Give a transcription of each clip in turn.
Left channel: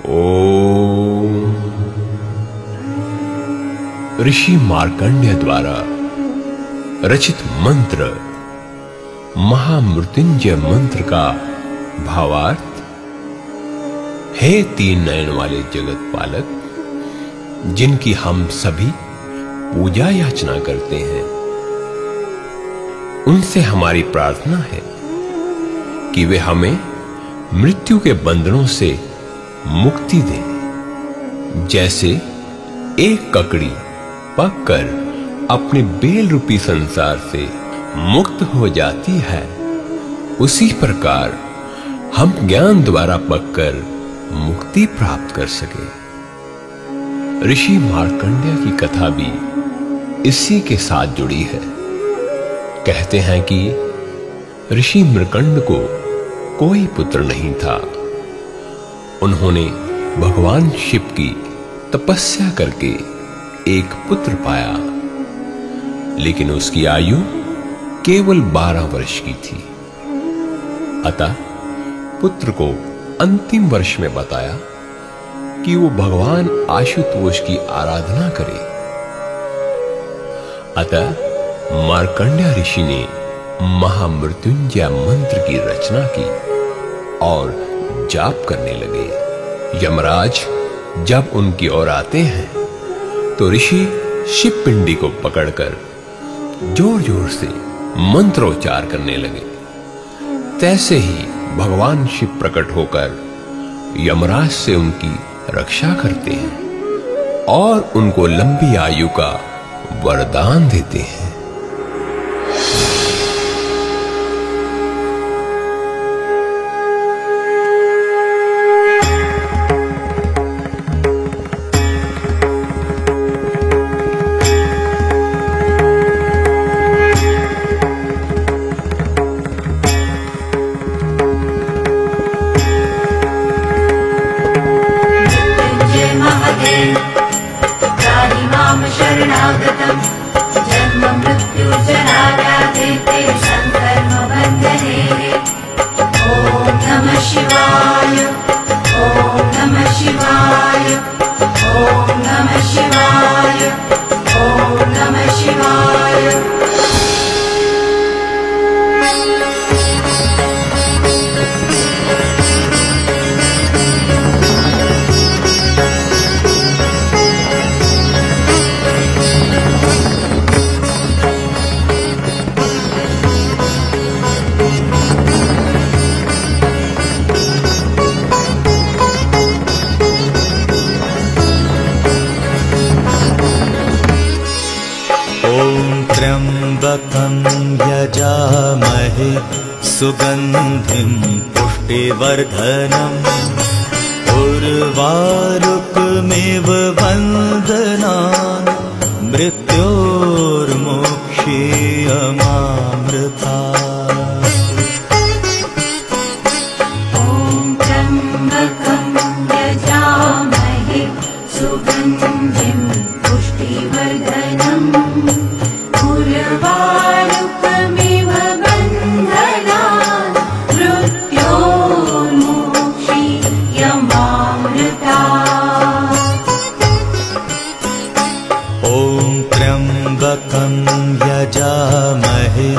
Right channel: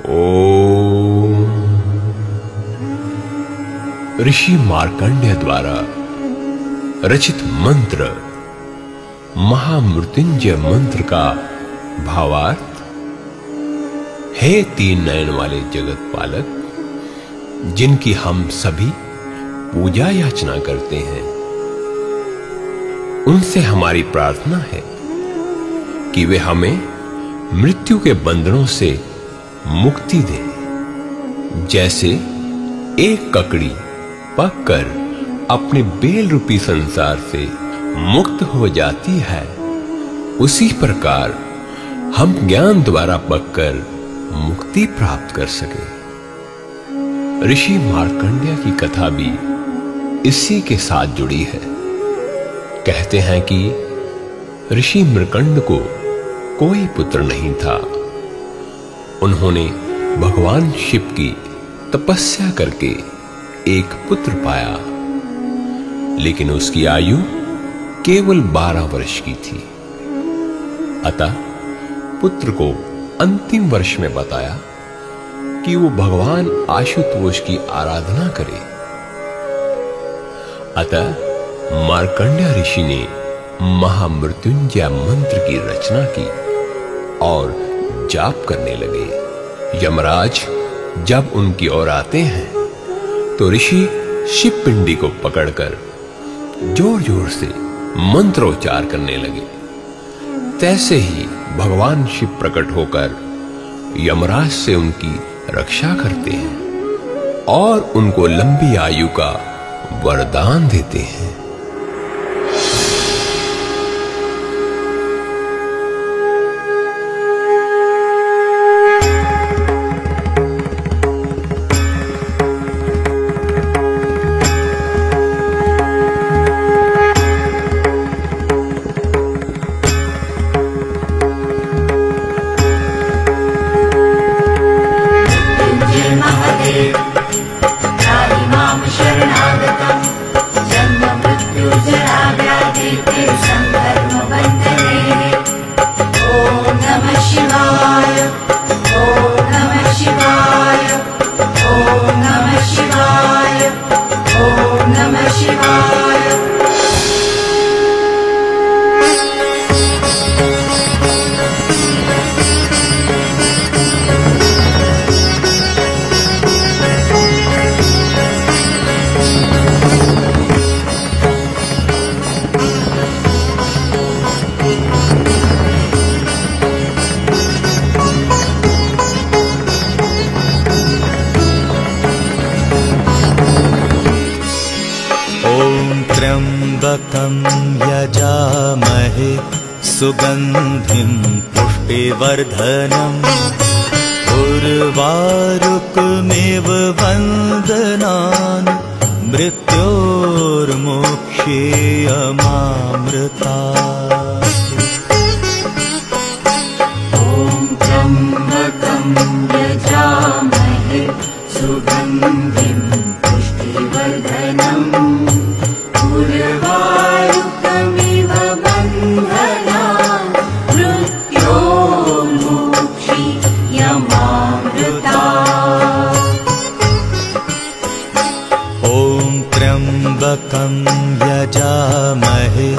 ओम। ऋषि मार्कंडेय द्वारा रचित मंत्र महामृत्युंजय मंत्र का भावार्थ। हे तीन नयन वाले जगत पालक, जिनकी हम सभी पूजा याचना करते हैं, उनसे हमारी प्रार्थना है कि वे हमें मृत्यु के बंधनों से मुक्ति दें। जैसे एक ककड़ी पककर अपने बेल रूपी संसार से मुक्त हो जाती है, उसी प्रकार हम ज्ञान द्वारा पककर मुक्ति प्राप्त कर सके। ऋषि मार्कंडेय की कथा भी इसी के साथ जुड़ी है। कहते हैं कि ऋषि मार्कंड को कोई पुत्र नहीं था। उन्होंने भगवान शिव की तपस्या करके एक पुत्र पाया, लेकिन उसकी आयु केवल 12 वर्ष की थी। अतः पुत्र को अंतिम वर्ष में बताया कि वो भगवान आशुतोष की आराधना करे। अतः मार्कंडेय ऋषि ने महामृत्युंजय मंत्र की रचना की और जाप करने लगे। यमराज जब उनकी ओर आते हैं तो ऋषि शिव पिंडी को पकड़कर जोर जोर से मंत्रोच्चार करने लगे। तैसे ही भगवान शिव प्रकट होकर यमराज से उनकी रक्षा करते हैं और उनको लंबी आयु का वरदान देते हैं। त्र्यंबकं यजामहे सुगंधिं पुष्टिवर्धनम् उर्वारुकमिव वन्दनान् मृत्योर्मोक्षेयमामृतात्। ॐ त्र्यंबकं यजामहे सुगंधिं पुष्टिवर्धनम् उर्वारुकमिव बन्धनात् मृत्योर्मोक्षेयमामृतात्। ॐ त्र्यंबकं यजामहे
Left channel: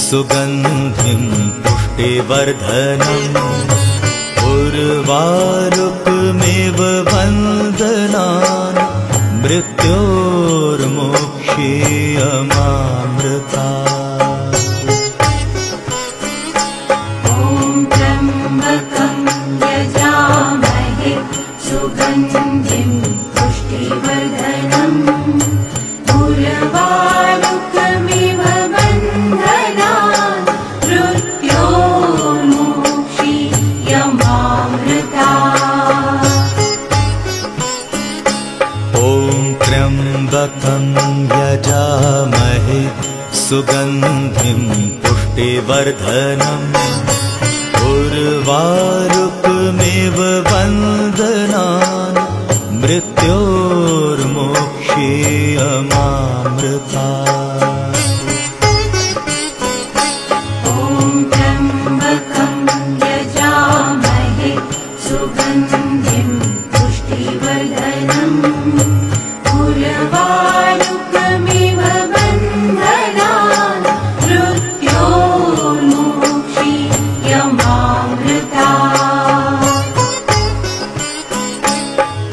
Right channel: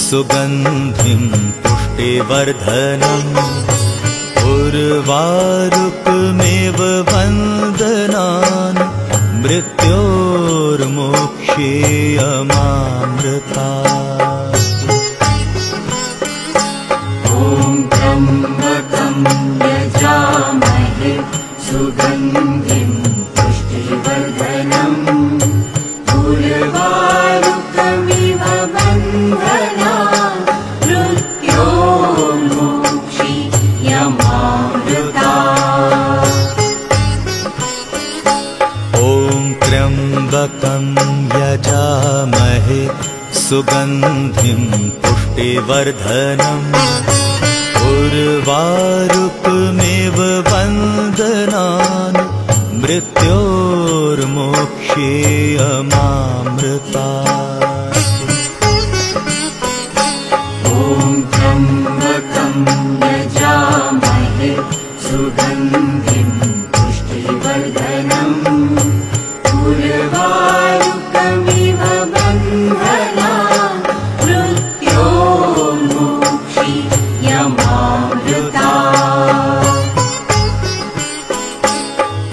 सुगंधिं पुष्टिवर्धनम् उर्वारुकमिव वन्दनान् मृत्योर्मोक्षेयमामृतात्। ॐ त्र्यंबकं यजामहे सुगंधिं पुष्टिवर्धनम् उर्वारुकमिव बन्धनात् मृत्योर्मोक्षेयमामृतात्। ॐ त्र्यंबकं यजामहे सुगंधिं पुष्टिवर्धनम् उर्वारुकमिव वन्दनान् मृत्योर्मोक्षेयमामृतात्। ॐ त्र्यंबकं यजामहे सुगंधिं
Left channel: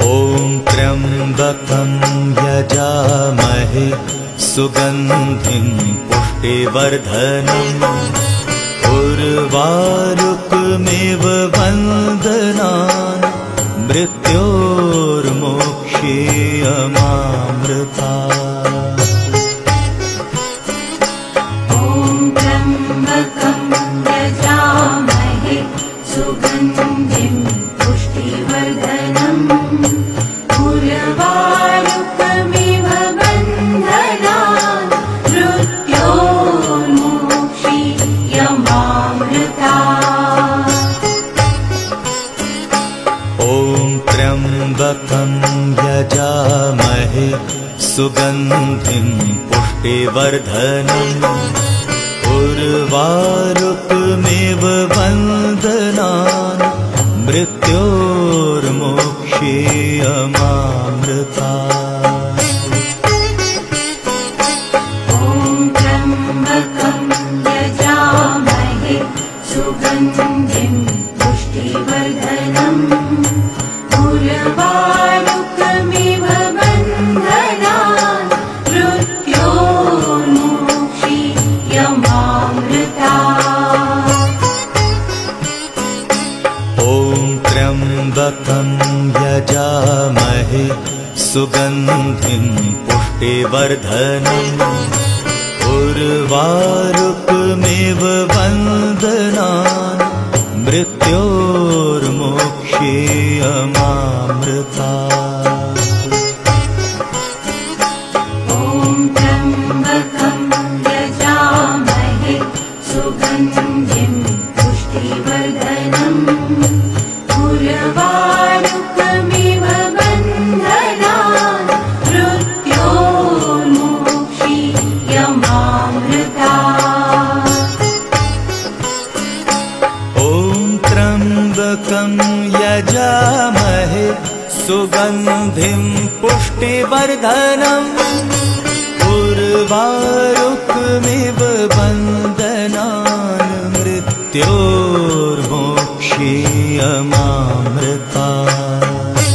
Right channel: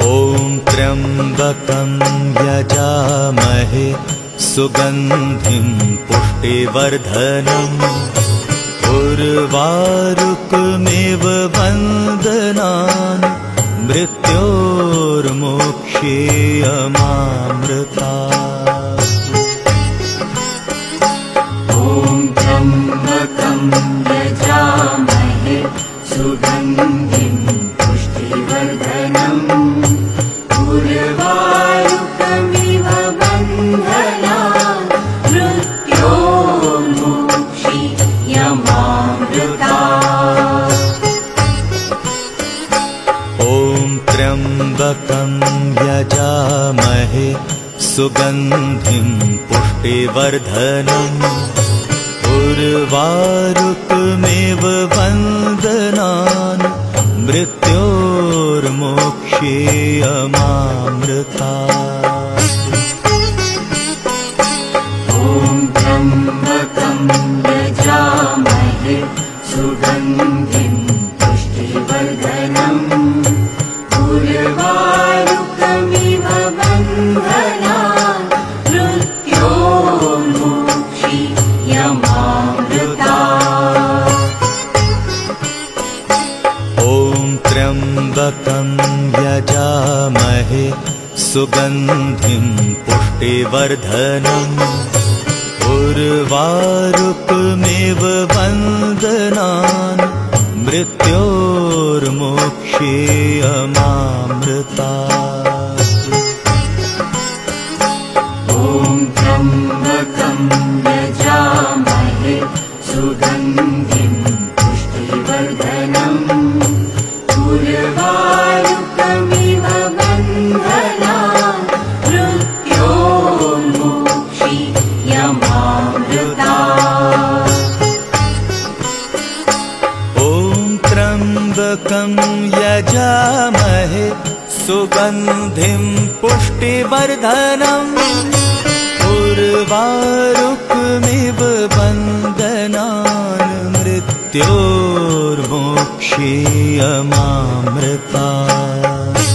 ॐ त्र्यम्बकं यजामहे सुगन्धिं पुष्टिवर्धनम् उर्वारुकमिव वन्दनान् मृत्योर्मोक्षेयमामृतात्। ॐ त्र्यम्बकं यजामहे सुगन्धिं पुष्टिवर्धनम् उर्वारुकमिव वन्दनान् मृत्योर्मोक्षेयमामृतात्। ॐ त्र्यम्बकं यजामहे सुगन्धिं पुष्टिवर्धनम् उर्वारुकमिव वन्दनान् मृत्योर्मोक्षेयमामृतात्। ॐ त्र्यम्बकं यजामहे सुगन्धिं पुष्टिवर्धनम् उर्वारुकमिव वन्दनान् मृत्योर्मोक्षेयमामृतात्। ॐ त्र्यम्बकं यजामहे सुगन्धिं पुष्टिवर्धनम् उर्वारुकमिव वन्दनान् मृत्योर्मोक्षेयमामृतात्। ॐ त्र्यम्बकं यजामहे सुगन्धिं पुष्टिवर्धनम् उर्वारुकमिव वन्दनान् मृत्योर्मोक्षेयमामृतात्। ॐ त्र्यम्बकं यजामहे सुगन्धिं पुष्टिवर्धनम् उर्वारुकमिव वन्दनान् मृत्योर्मोक्षेयमामृतात्।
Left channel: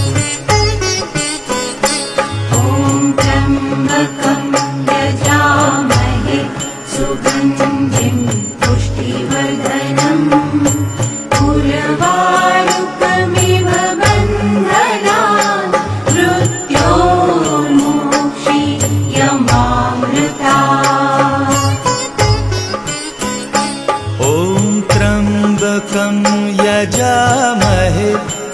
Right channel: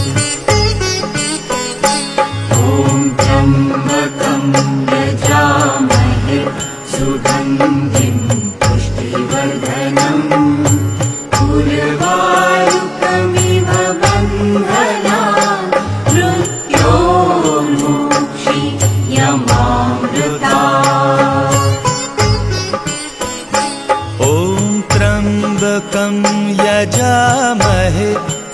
ॐ त्र्यम्बकं यजामहे सुगन्धिं पुष्टिवर्धनम् उर्वारुकमिव वन्दनान् मृत्योर्मोक्षेयमामृतात्। ॐ त्र्यम्बकं यजामहे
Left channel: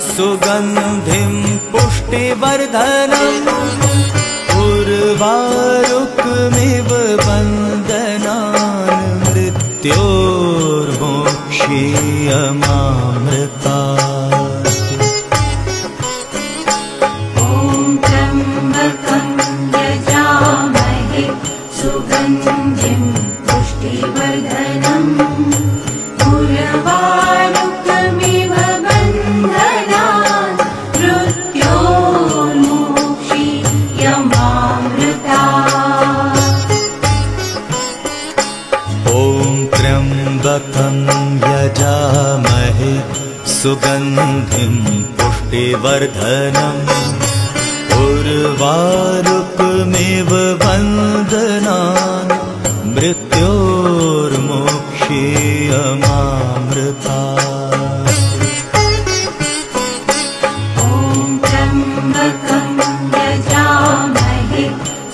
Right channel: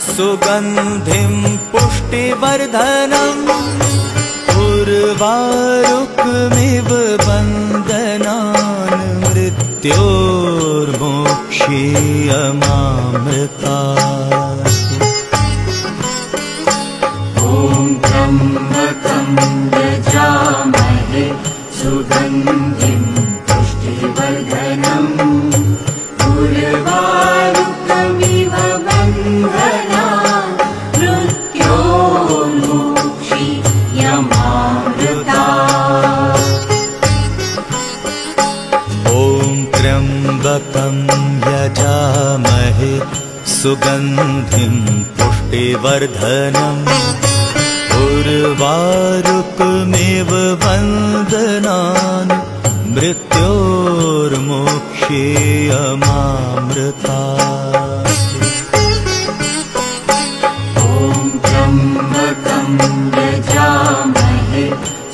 सुगन्धिं पुष्टिवर्धनम् उर्वारुकमिव वन्दनान् मृत्योर्मोक्षेयमामृतात्। ॐ त्र्यम्बकं यजामहे सुगन्धिं पुष्टिवर्धनम् उर्वारुकमिव वन्दनान् मृत्योर्मोक्षेयमामृतात्। ॐ त्र्यम्बकं यजामहे सुगन्धिं पुष्टिवर्धनम् उर्वारुकमिव वन्दनान् मृत्योर्मोक्षेयमामृतात्। ॐ त्र्यम्बकं यजामहे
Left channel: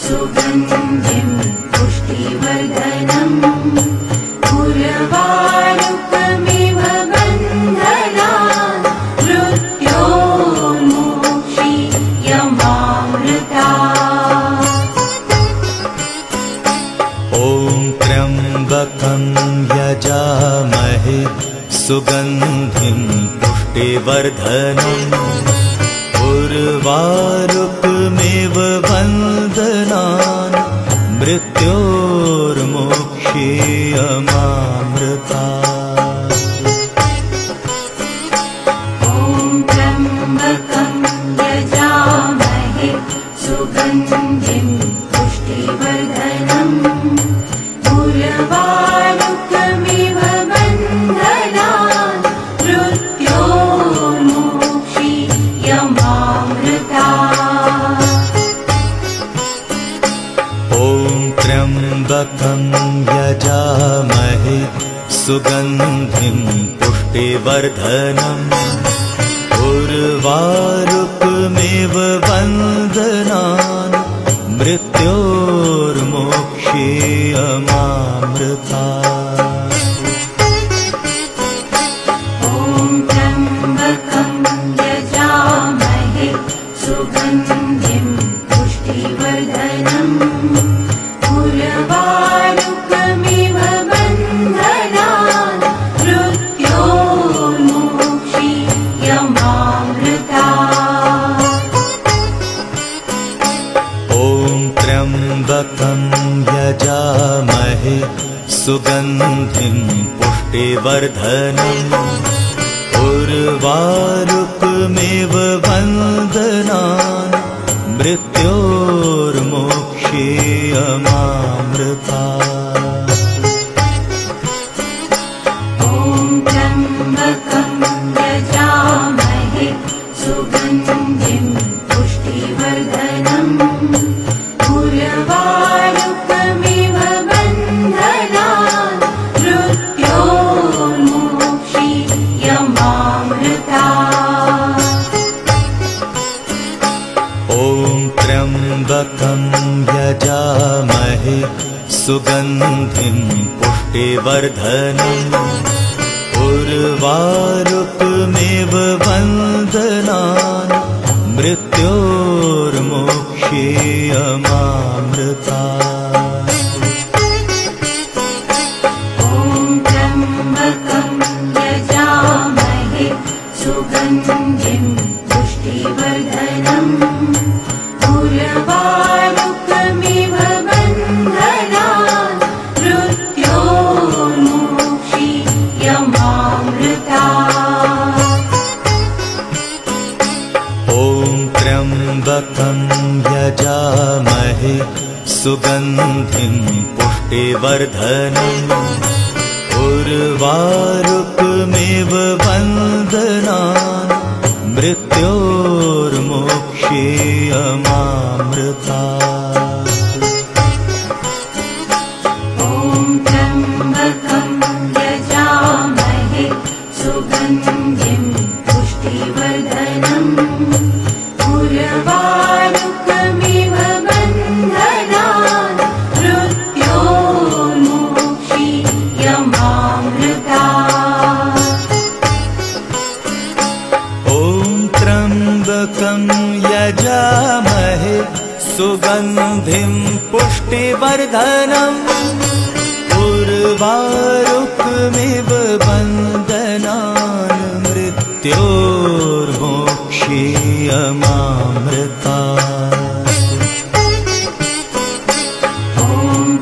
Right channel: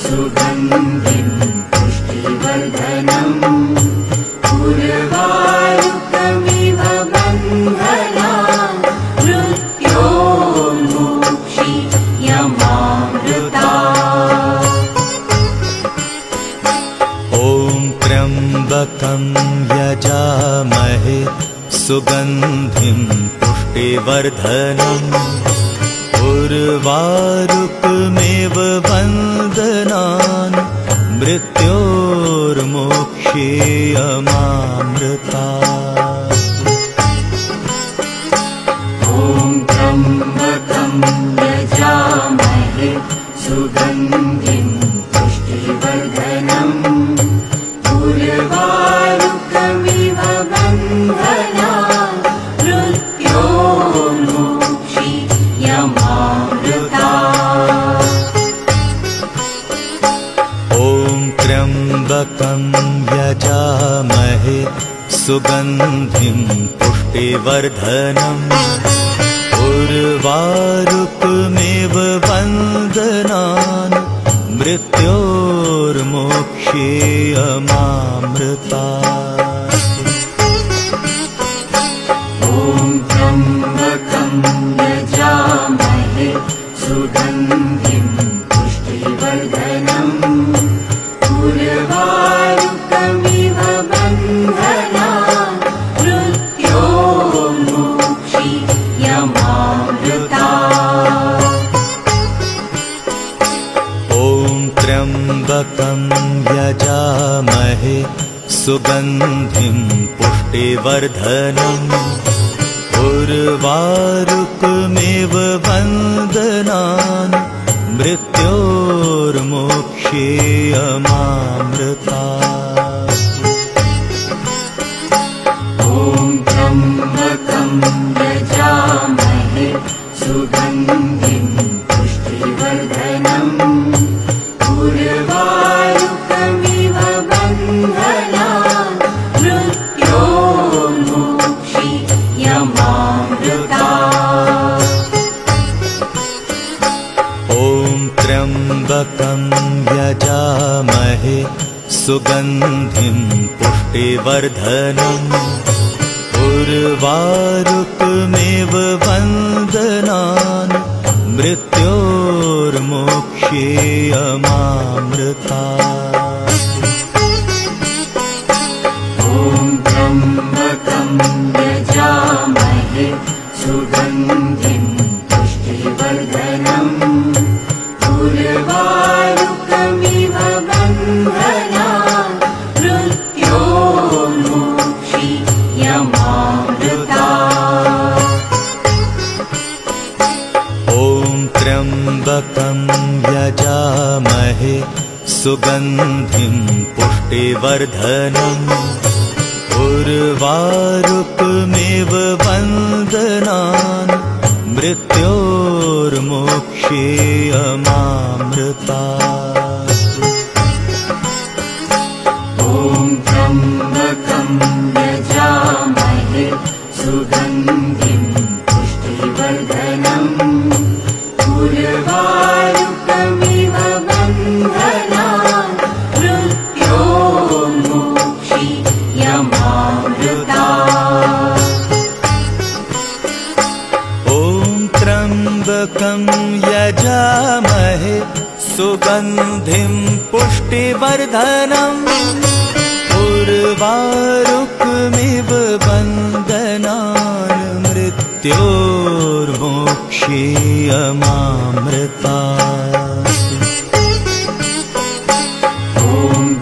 सुगन्धिं पुष्टिवर्धनम् उर्वारुकमिव वन्दनान् मृत्योर्मोक्षेयमामृतात्। ॐ त्र्यम्बकं यजामहे सुगन्धिं पुष्टिवर्धनम् उर्वारुकमिव वन्दनान् मृत्योर्मोक्षेयमामृतात्। ॐ त्र्यम्बकं यजामहे सुगन्धिं पुष्टिवर्धनम् उर्वारुकमिव वन्दनान् यजामहे सुगन्धिं पुष्टिवर्धनम् उर्वारुकमिव वन्दनान् मृत्योर्मोक्षेयमामृतात्। ॐ त्र्यम्बकं यजामहे सुगन्धिं पुष्टिवर्धनम् उर्वारुकमिव वन्दनान् मृत्योर्मोक्षेयमामृतात्। ॐ त्र्यम्बकं यजामहे सुगन्धिं पुष्टिवर्धनम् उर्वारुकमिव वन्दनान् मृत्योर्मोक्षेयमामृतात्। ॐ त्र्यम्बकं यजामहे सुगन्धिं पुष्टिवर्धनम् उर्वारुकमिव वन्दनान् मृत्योर्मोक्षेयमामृतात्। ॐ त्र्यम्बकं यजामहे सुगन्धिं पुष्टिवर्धनम् उर्वारुकमिव वन्दनान् मृत्योर्मोक्षेयमामृतात्। ॐ त्र्यम्बकं यजामहे सुगन्धिं पुष्टिवर्धनम् उर्वारुकमिव वन्दनान् मृत्योर्मोक्षेयमामृतात्। ॐ त्र्यम्बकं यजामहे सुगन्धिं पुष्टिवर्धनम् उर्वारुकमिव वन्दनान् मृत्योर्मोक्षेयमामृतात्। ॐ त्र्यम्बकं यजामहे सुगन्धिं पुष्टिवर्धनम् उर्वारुकमिव वन्दनान् मृत्योर्मोक्षेयमामृतात्। ॐ त्र्यम्बकं यजामहे सुगन्धिं पुष्टिवर्धनम् उर्वारुकमिव वन्दनान् मृत्योर्मोक्षेयमामृतात्। ॐ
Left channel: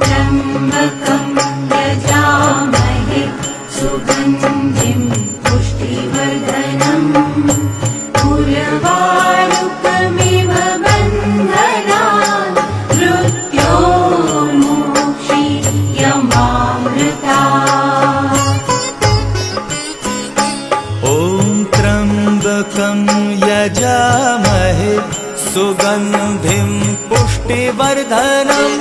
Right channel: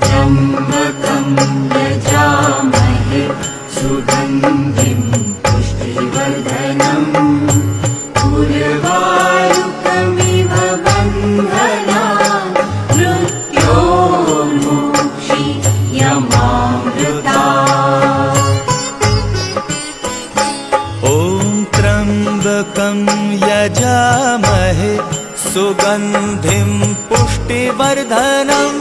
त्र्यम्बकं यजामहे सुगन्धिं पुष्टिवर्धनम् उर्वारुकमिव वन्दनान् मृत्योर्मोक्षेयमामृतात्। ॐ त्र्यम्बकं यजामहे सुगन्धिं पुष्टिवर्धनम्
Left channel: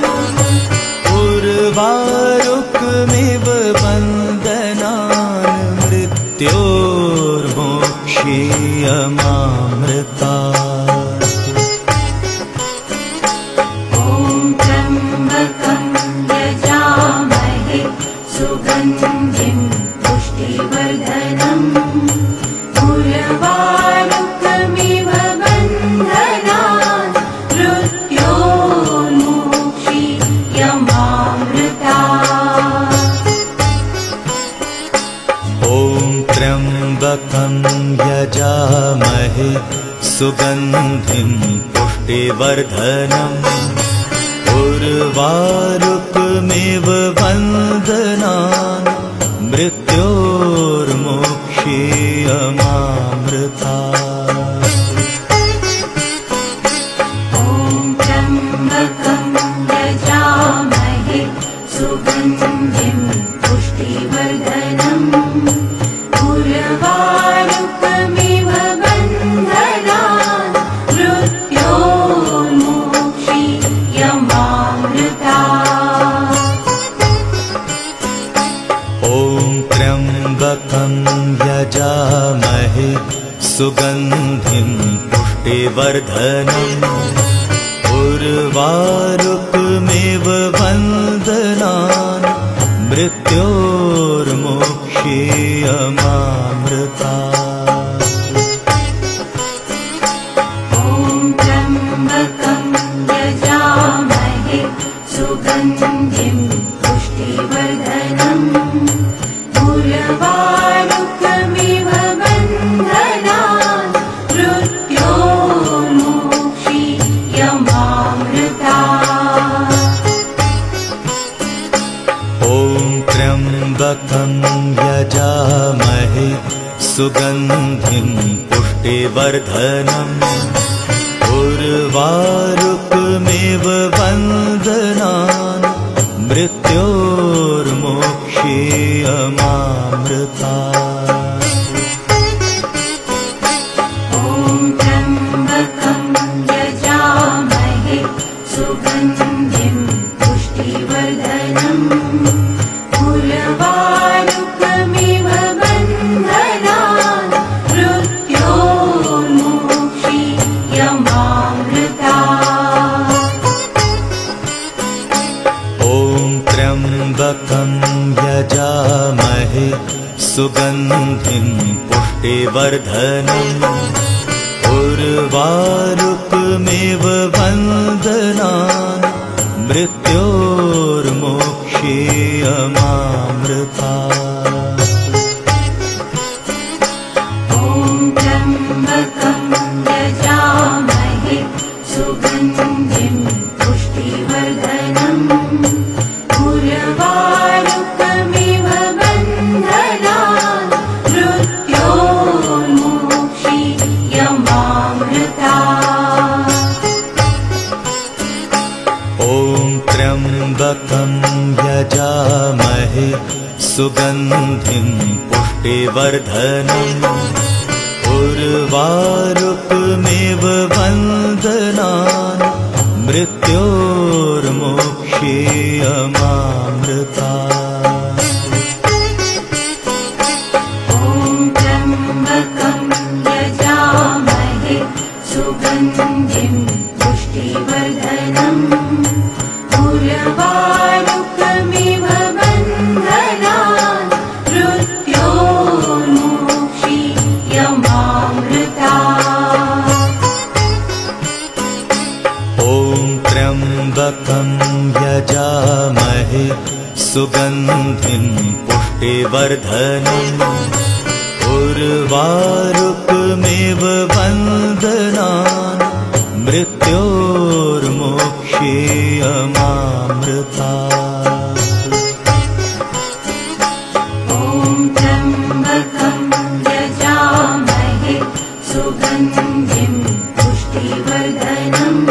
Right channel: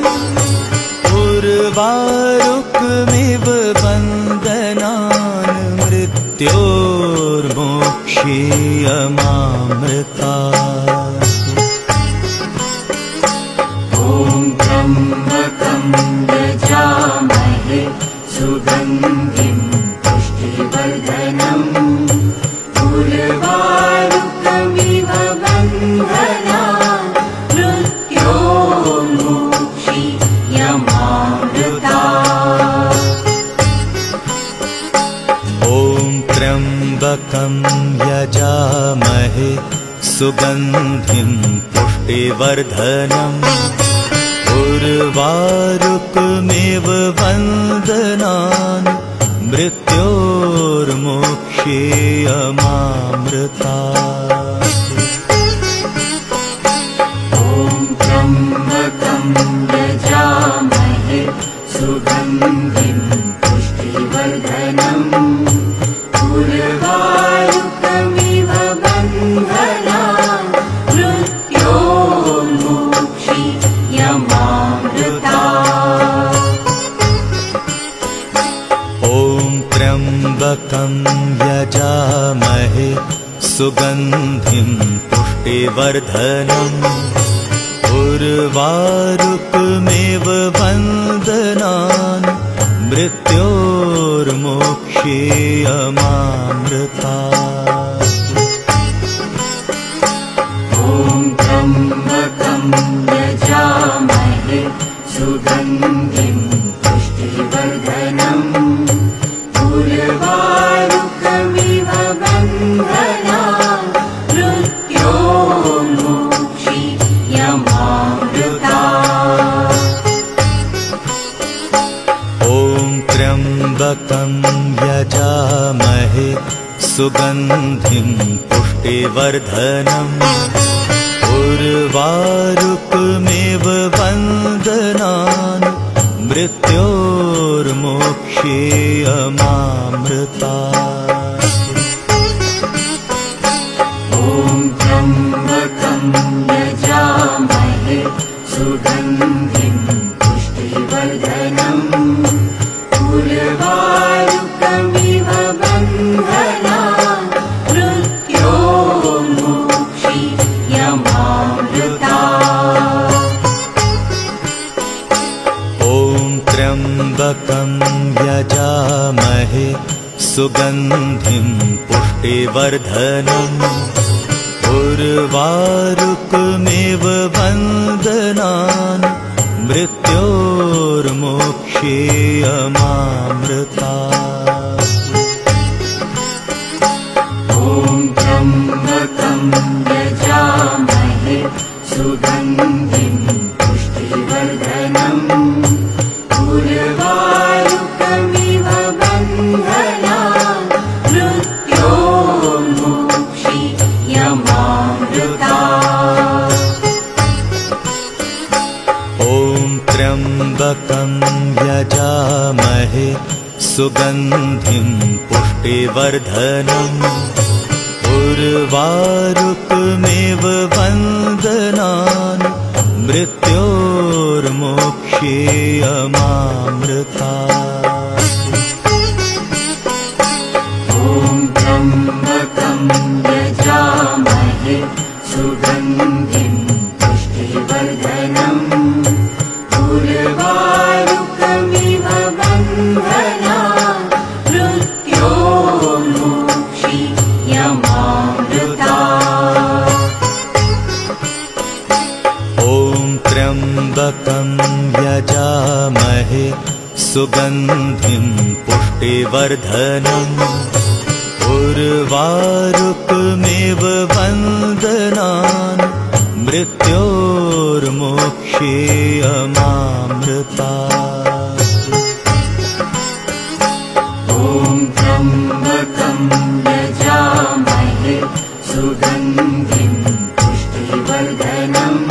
उर्वारुकमिव वन्दनान् मृत्योर्मोक्षेयमामृतात्। ॐ त्र्यम्बकं यजामहे सुगन्धिं पुष्टिवर्धनम् उर्वारुकमिव वन्दनान् मृत्योर्मोक्षेयमामृतात्। ॐ त्र्यम्बकं यजामहे सुगन्धिं पुष्टिवर्धनम् उर्वारुकमिव वन्दनान् मृत्योर्मोक्षेयमामृतात्। ॐ त्र्यम्बकं यजामहे सुगन्धिं पुष्टिवर्धनम् उर्वारुकमिव वन्दनान् मृत्योर्मोक्षेयमामृतात्। यजामहे सुगन्धिं पुष्टिवर्धनम् उर्वारुकमिव वन्दनान् मृत्योर्मोक्षीयमामृतात्। ॐ त्र्यम्बकं यजामहे सुगन्धिं पुष्टिवर्धनम् उर्वारुकमिव वन्दनान् मृत्योर्मोक्षीयमामृतात्। ॐ त्र्यम्बकं यजामहे सुगन्धिं पुष्टिवर्धनम् उर्वारुकमिव वन्दनान् मृत्योर्मोक्षीयमामृतात्। ॐ त्र्यम्बकं यजामहे सुगन्धिं पुष्टिवर्धनम् उर्वारुकमिव वन्दनान् मृत्योर्मोक्षीयमामृतात्। ॐ त्र्यम्बकं यजामहे सुगन्धिं पुष्टिवर्धनम् उर्वारुकमिव वन्दनान् मृत्योर्मोक्षीयमामृतात्। ॐ त्र्यम्बकं यजामहे सुगन्धिं पुष्टिवर्धनम् उर्वारुकमिव वन्दनान् मृत्योर्मोक्षीयमामृतात्। ॐ त्र्यम्बकं यजामहे सुगन्धिं पुष्टिवर्धनम् उर्वारुकमिव वन्दनान् मृत्योर्मोक्षीयमामृतात्। ॐ त्र्यम्बकं यजामहे सुगन्धिं पुष्टिवर्धनम् उर्वारुकमिव वन्दनान् मृत्योर्मोक्षीयमामृतात्। ॐ त्र्यम्बकं यजामहे सुगन्धिं पुष्टिवर्धनम् उर्वारुकमिव वन्दनान् मृत्योर्मोक्षीयमामृतात्। ॐ त्र्यम्बकं यजामहे सुगन्धिं पुष्टिवर्धनम्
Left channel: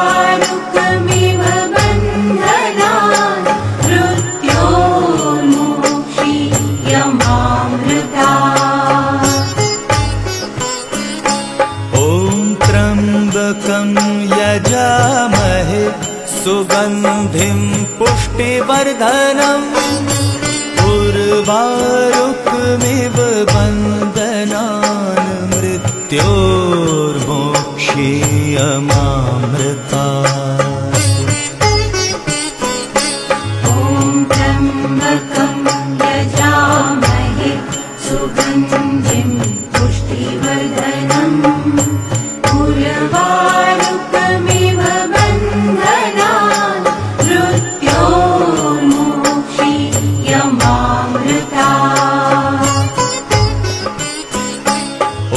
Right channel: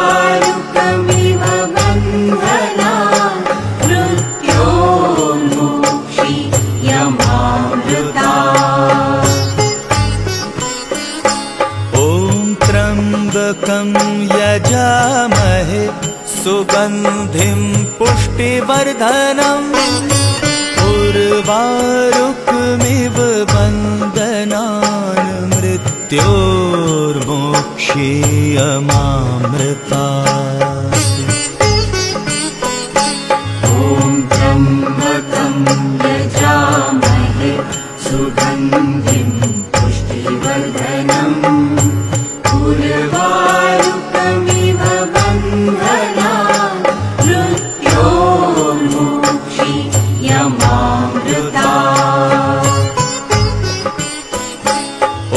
उर्वारुकमिव वन्दनान् मृत्योर्मोक्षीयमामृतात्। ॐ त्र्यम्बकं यजामहे सुगन्धिं पुष्टिवर्धनम् उर्वारुकमिव वन्दनान् मृत्योर्मोक्षीयमामृतात्। ॐ त्र्यम्बकं यजामहे सुगन्धिं पुष्टिवर्धनम् उर्वारुकमिव वन्दनान् मृत्योर्मोक्षीयमामृतात्।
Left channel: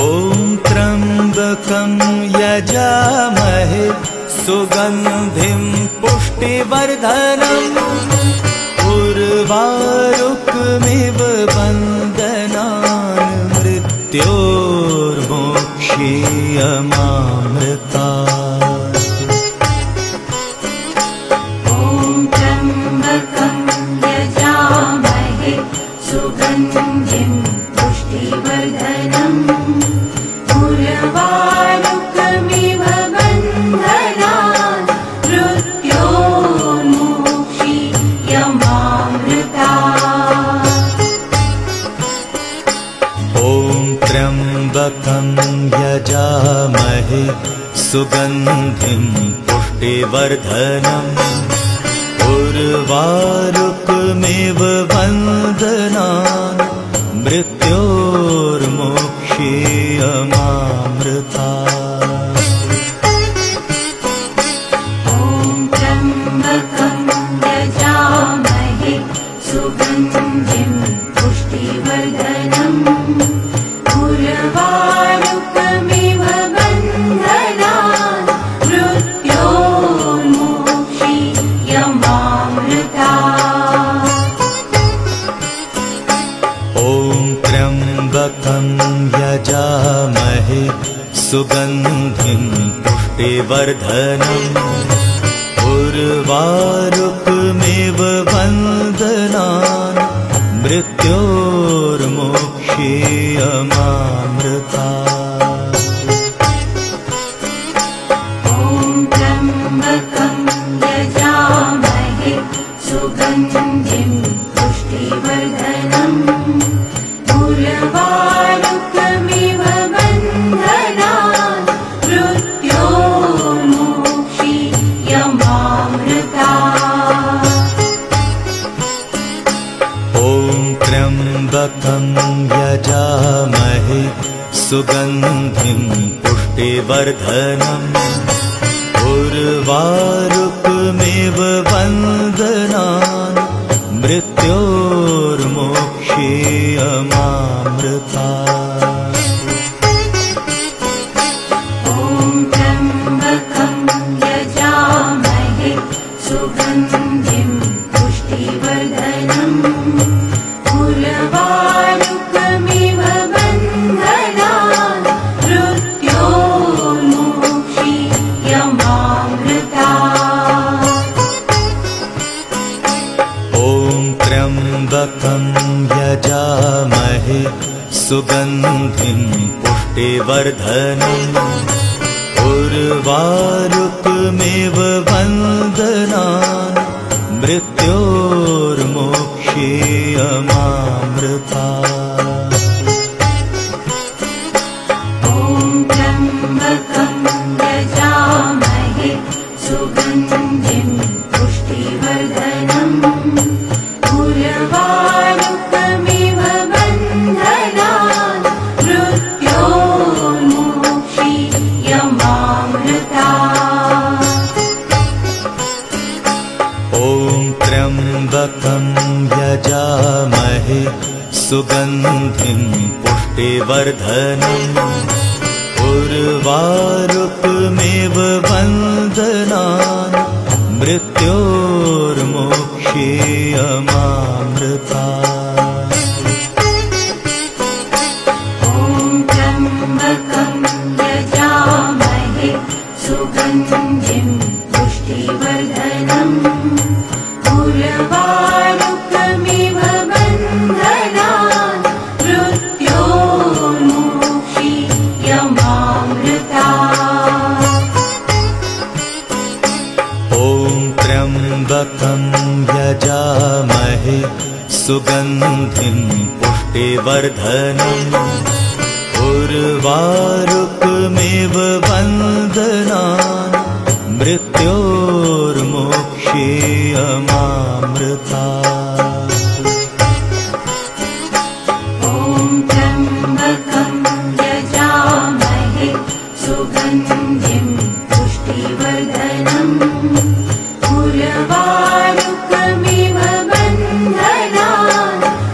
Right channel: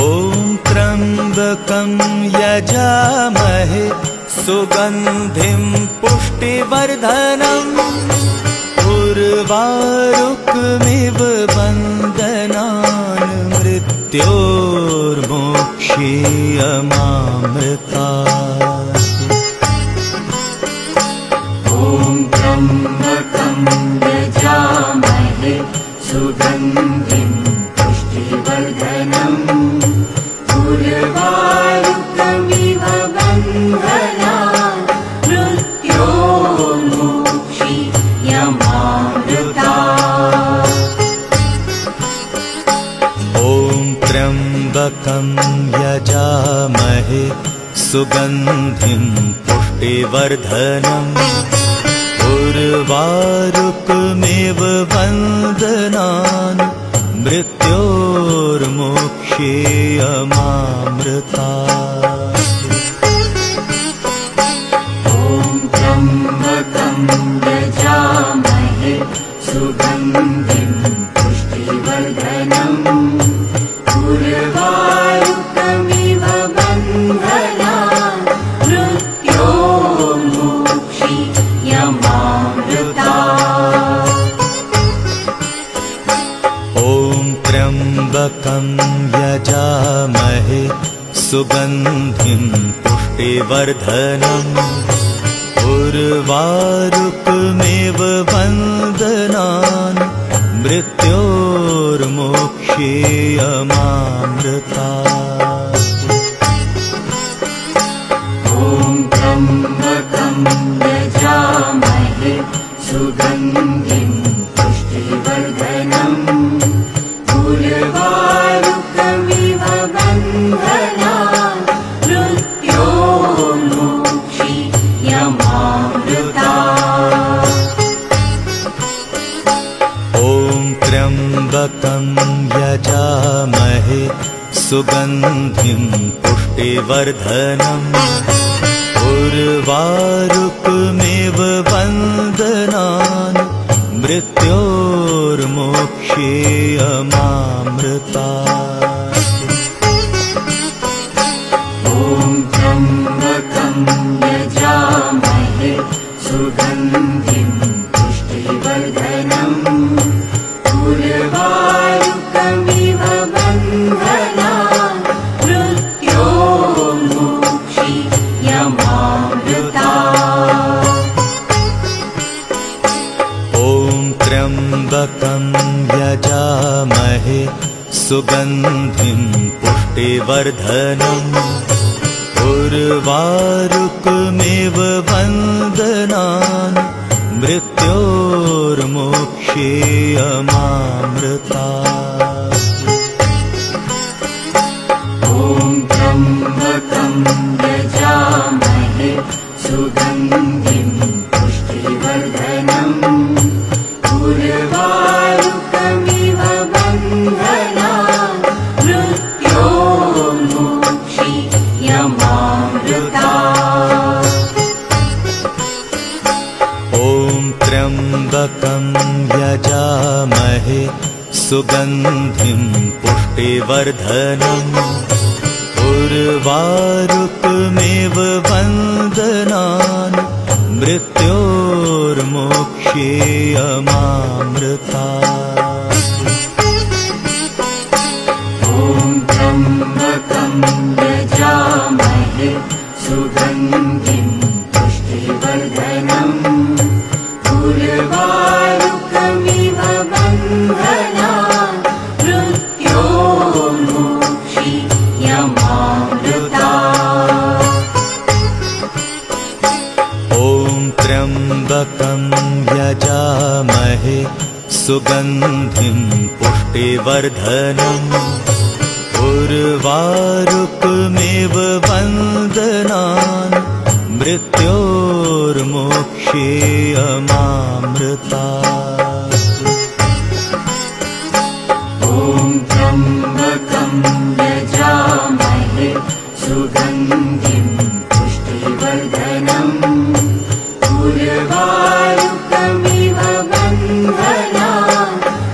ॐ त्र्यम्बकं यजामहे सुगन्धिं पुष्टिवर्धनम् उर्वारुकमिव वन्दनान् मृत्योर्मोक्षीयमामृतात्। ॐ त्र्यम्बकं यजामहे सुगन्धिं पुष्टिवर्धनम् उर्वारुकमिव वन्दनान् मृत्योर्मोक्षीयमामृतात्। ॐ त्र्यम्बकं यजामहे सुगन्धिं पुष्टिवर्धनम् उर्वारुकमिव बन्धनान् मृत्योर्मोक्षेयमामृतात्। यजामहे सुगन्धिं पुष्टिवर्धनम् उर्वारुकमिव बन्धनान् मृत्योर्मोक्षेयमामृतात्। ॐ त्र्यम्बकं यजामहे सुगन्धिं पुष्टिवर्धनम् उर्वारुकमिव बन्धनान् मृत्योर्मोक्षेयमामृतात्। ॐ त्र्यम्बकं यजामहे सुगन्धिं पुष्टिवर्धनम् उर्वारुकमिव बन्धनान् मृत्योर्मोक्षेयमामृतात्। ॐ त्र्यम्बकं यजामहे सुगन्धिं पुष्टिवर्धनम् उर्वारुकमिव बन्धनान् मृत्योर्मोक्षेयमामृतात्। ॐ त्र्यम्बकं यजामहे सुगन्धिं पुष्टिवर्धनम् उर्वारुकमिव बन्धनान् मृत्योर्मोक्षेयमामृतात्। ॐ त्र्यम्बकं यजामहे सुगन्धिं पुष्टिवर्धनम् उर्वारुकमिव बन्धनान् मृत्योर्मोक्षेयमामृतात्। ॐ त्र्यम्बकं यजामहे सुगन्धिं पुष्टिवर्धनम् उर्वारुकमिव बन्धनान् मृत्योर्मोक्षेयमामृतात्। ॐ त्र्यम्बकं यजामहे सुगन्धिं पुष्टिवर्धनम् उर्वारुकमिव बन्धनान् मृत्योर्मोक्षेयमामृतात्। ॐ त्र्यम्बकं यजामहे सुगन्धिं पुष्टिवर्धनम् उर्वारुकमिव बन्धनान् मृत्योर्मोक्षेयमामृतात्। ॐ त्र्यम्बकं यजामहे सुगन्धिं पुष्टिवर्धनम् उर्वारुकमिव बन्धनान् मृत्योर्मोक्षेयमामृतात्। ॐ त्र्यम्बकं यजामहे सुगन्धिं पुष्टिवर्धनम् उर्वारुकमिव बन्धनान्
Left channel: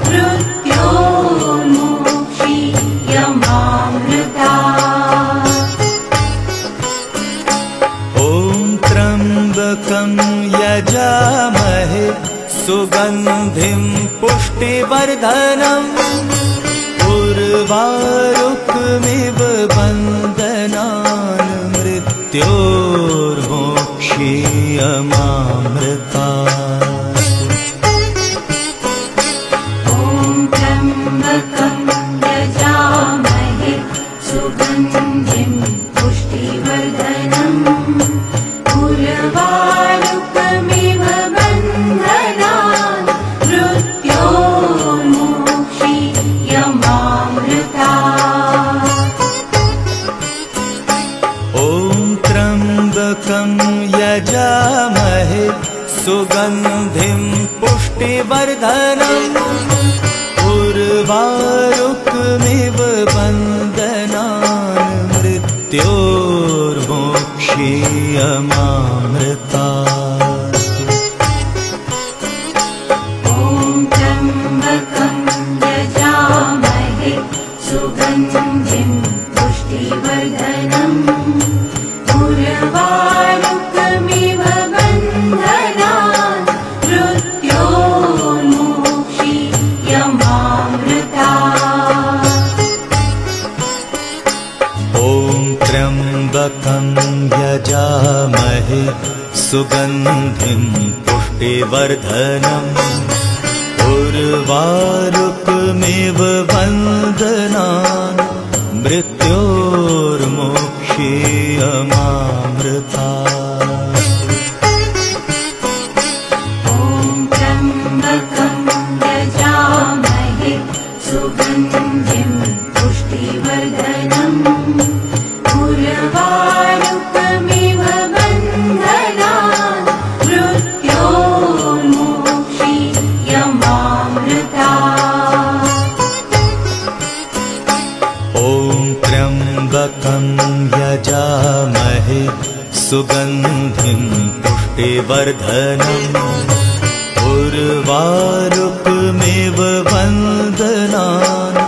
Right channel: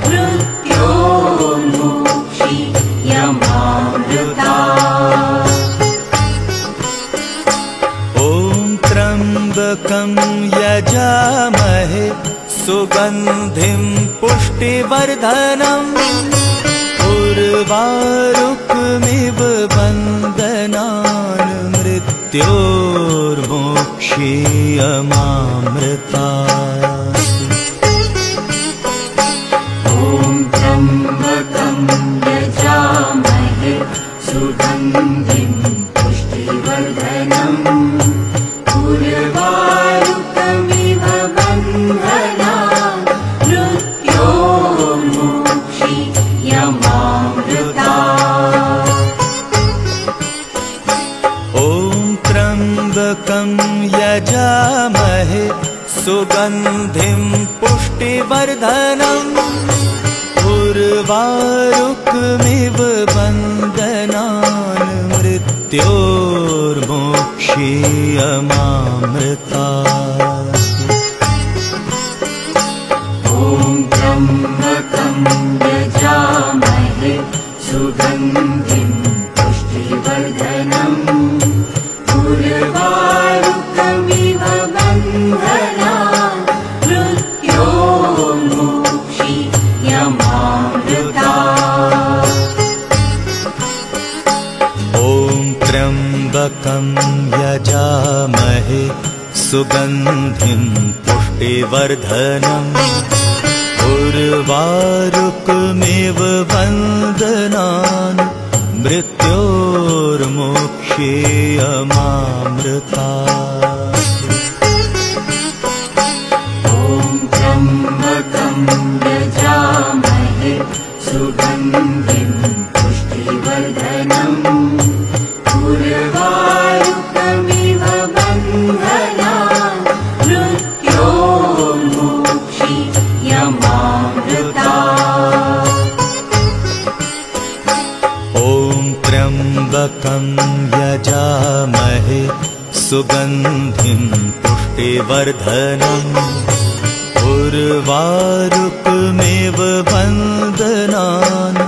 मृत्योर्मोक्षेयमामृतात्। ॐ त्र्यम्बकं यजामहे सुगन्धिं पुष्टिवर्धनम् उर्वारुकमिव बन्धनान् मृत्योर्मोक्षेयमामृतात्। ॐ त्र्यम्बकं यजामहे सुगन्धिं पुष्टिवर्धनम् उर्वारुकमिव बन्धनान् मृत्योर्मोक्षेयमामृतात्। ॐ त्र्यम्बकं यजामहे सुगन्धिं पुष्टिवर्धनम् उर्वारुकमिव बन्धनान् मृत्योर्मोक्षीयमामृतात्। ॐ त्र्यम्बकं यजामहे सुगन्धिं पुष्टिवर्धनम् उर्वारुकमिव बन्धनान् मृत्योर्मोक्षीयमामृतात्। ॐ त्र्यम्बकं यजामहे सुगन्धिं पुष्टिवर्धनम् उर्वारुकमिव बन्धनान् मृत्योर्मोक्षीयमामृतात्। ॐ त्र्यम्बकं यजामहे सुगन्धिं पुष्टिवर्धनम् उर्वारुकमिव बन्धनान् मृत्योर्मोक्षीयमामृतात्। ॐ त्र्यम्बकं यजामहे सुगन्धिं पुष्टिवर्धनम् उर्वारुकमिव बन्धनान्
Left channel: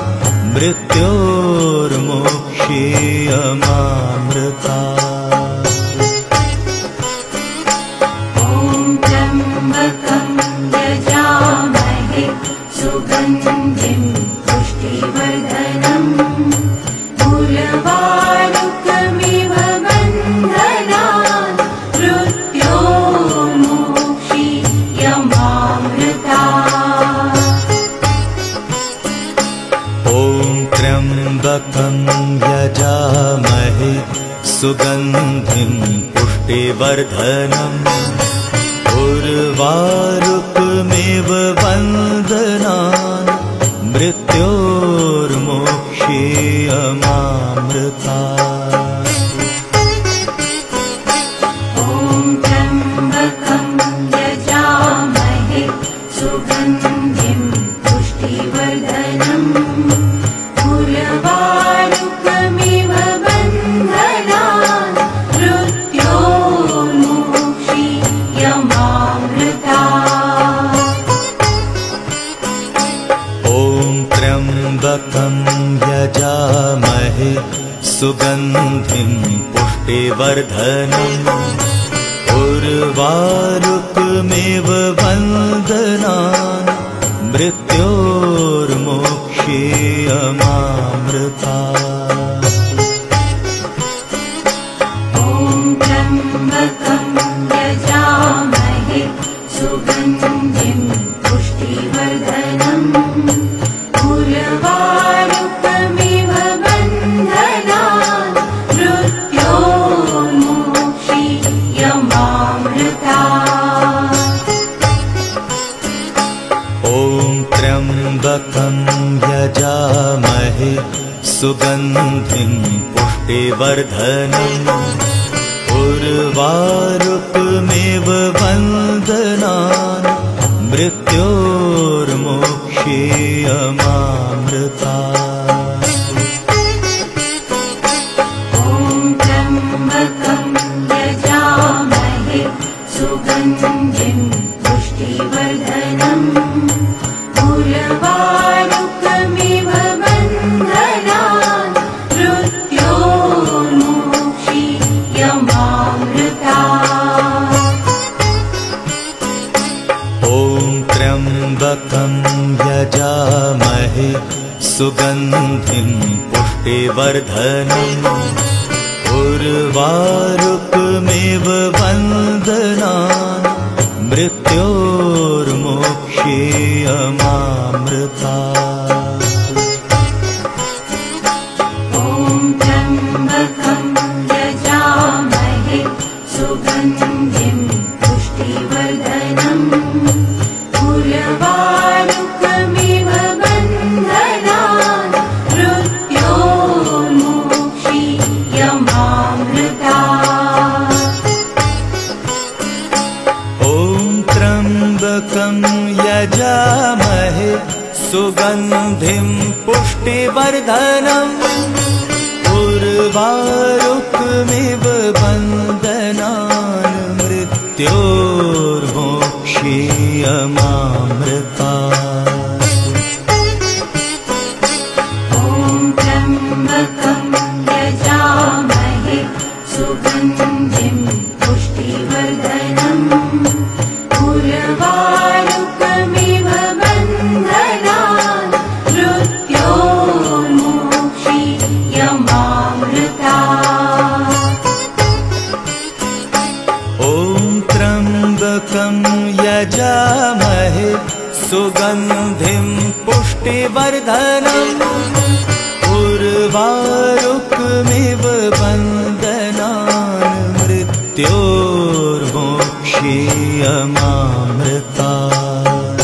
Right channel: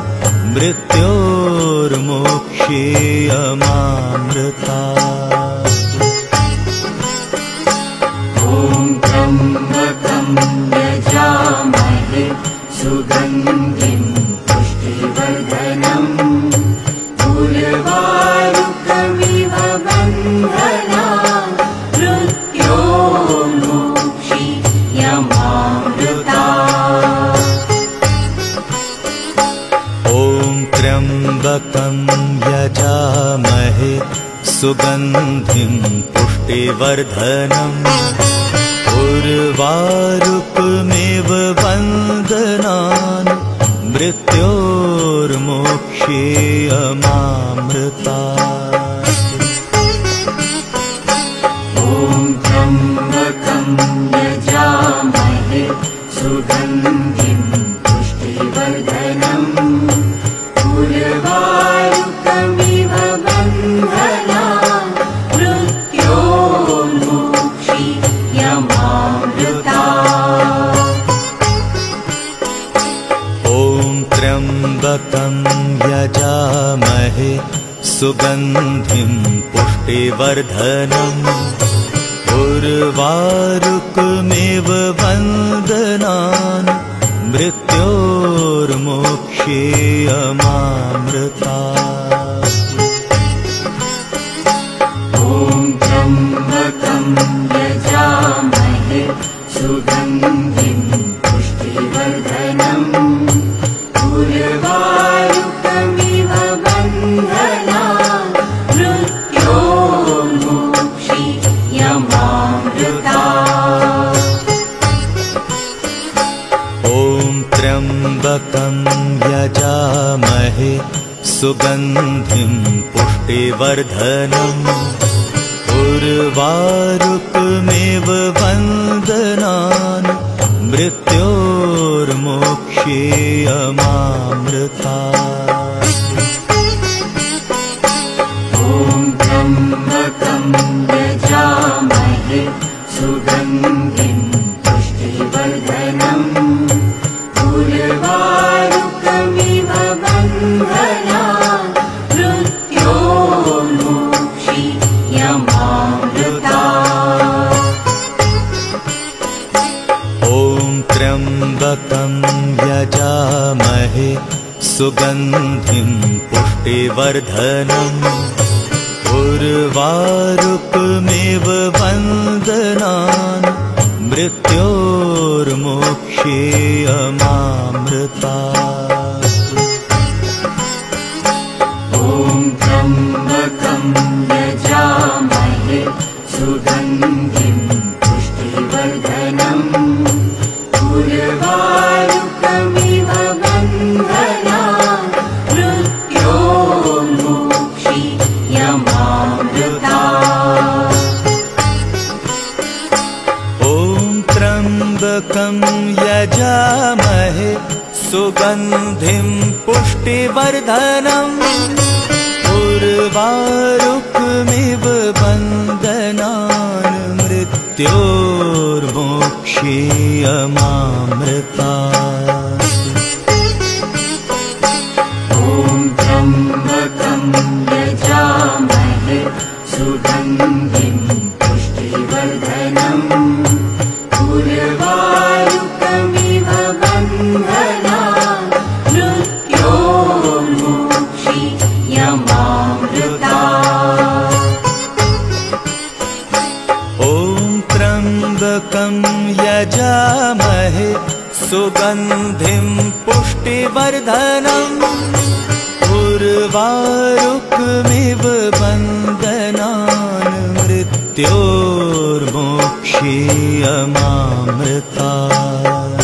मृत्योर्मोक्षीयमामृतात्। ॐ त्र्यम्बकं यजामहे सुगन्धिं पुष्टिवर्धनम् उर्वारुकमिव बन्धनान् मृत्योर्मोक्षीयमामृतात्। ॐ त्र्यम्बकं यजामहे सुगन्धिं पुष्टिवर्धनम् उर्वारुकमिव बन्धनान् मृत्योर्मोक्षीयमामृतात्। ॐ त्र्यम्बकं यजामहे सुगन्धिं पुष्टिवर्धनम् उर्वारुकमिव बन्धनान् मृत्योर्मोक्षीयमामृतात्। ॐ त्र्यम्बकं यजामहे सुगन्धिं पुष्टिवर्धनम् उर्वारुकमिव बन्धनान् मृत्योर्मोक्षीयमामृतात्। ॐ त्र्यम्बकं यजामहे सुगन्धिं पुष्टिवर्धनम् उर्वारुकमिव बन्धनान् मृत्योर्मोक्षीयमामृतात्। ॐ त्र्यम्बकं यजामहे सुगन्धिं पुष्टिवर्धनम् उर्वारुकमिव बन्धनान् मृत्योर्मोक्षीयमामृतात्। ॐ त्र्यम्बकं यजामहे सुगन्धिं पुष्टिवर्धनम् उर्वारुकमिव बन्धनान् मृत्योर्मोक्षीयमामृतात्। ॐ त्र्यम्बकं यजामहे सुगन्धिं पुष्टिवर्धनम् उर्वारुकमिव बन्धनान् मृत्योर्मोक्षीयमामृतात्। ॐ त्र्यम्बकं यजामहे सुगन्धिं पुष्टिवर्धनम् उर्वारुकमिव बन्धनान् पुष्टिवर्धनम् उर्वारुकमिव बन्धनान् मृत्योर्मोक्षीयमामृतात्। ॐ त्र्यम्बकं यजामहे सुगन्धिं पुष्टिवर्धनम् उर्वारुकमिव बन्धनान् मृत्योर्मोक्षीयमामृतात्। ॐ त्र्यम्बकं यजामहे सुगन्धिं पुष्टिवर्धनम् उर्वारुकमिव बन्धनान् मृत्योर्मोक्षीयमामृतात्।